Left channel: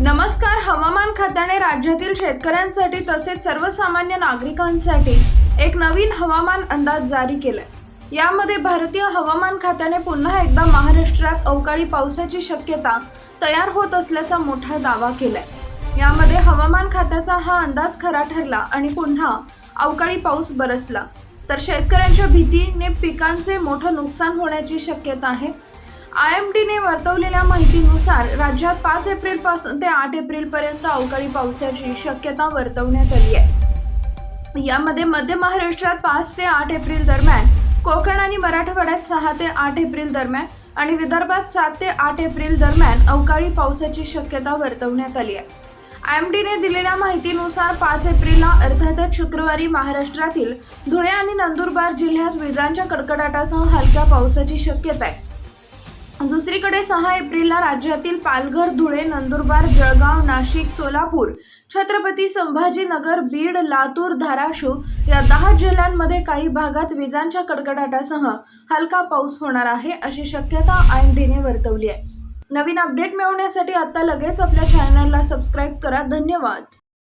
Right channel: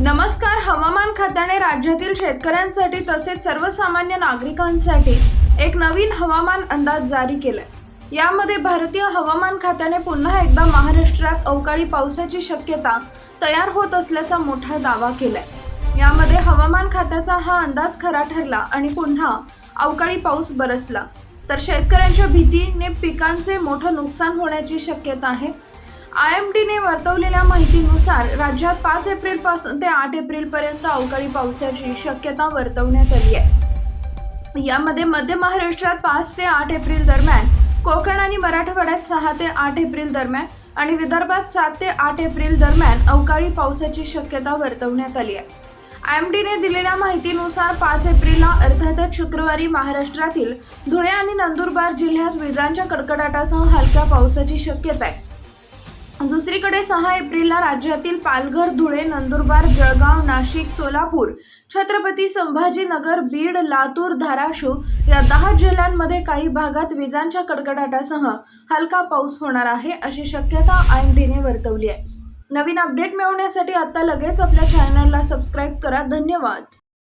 नमस्कार हवामान खात्याने राज्यातील शेतकऱ्यांसाठी तसेच सर्वसामान्य नागरिकांसाठी एक नवीन हवामान अंदाज जारी केलाय. यामध्ये भारतीय हवामान खात्याने पुन्हा एकदा महाराष्ट्रात अवकाळी पावसाची शक्यता तयार होत असल्याचा मोठा दावा केलाय. यामध्ये हवामान खात्याचा हा अंदाज खरा ठरला आणि पुन्हा अवकाळी पाऊस बरसला. तर शेतकऱ्यांच्या भीतीने पिकांचे मोठं नुकसान होण्याची शक्यता आहे. आय एम डीने वर्तवलेल्या माहितीनुसार राज्यात पाच एप्रिलपासून ते आठ एप्रिल पर्यंत अवकाळी पावसाची शक्यता वर्तवण्यात आली आहे. यामध्ये मध्य महाराष्ट्रात पाच ते आठ एप्रिल दरम्यान कोकण आणि मराठवाड्यात सहा ते आठ एप्रिल दरम्यान आणि विदर्भात सात ते आठ एप्रिल दरम्यान अवकाळी पावसाची शक्यता वर्तवण्यात आली आहे. आय एम डीने दिलेल्या माहितीनुसार पाच एप्रिलला अर्थातच शुक्रवारी महाराष्ट्रातील धुळे आणि नंदुरबार जिल्ह्यात विजांच्या कडकडाटासह हलक्या पावसाची शक्यता आहे. दुसरीकडे सहा एप्रिलला राज्यातील पालघर धुळे नंदुरबार जळगाव नाशिक सोलापूर छत्रपती संभाजीनगर बीड लातूर धाराशिव या दहा जिल्ह्यांमध्ये काही भागात विजांच्या कडकडाटासह हलका पाऊस होणार आहे अशी शक्यता आय एम डीने वर्तवली आहे. नवीन अपडेट मिळवण्यासाठी आता लगेच आपल्या चॅनलला सबस्क्राईब करा. धन्यवाद.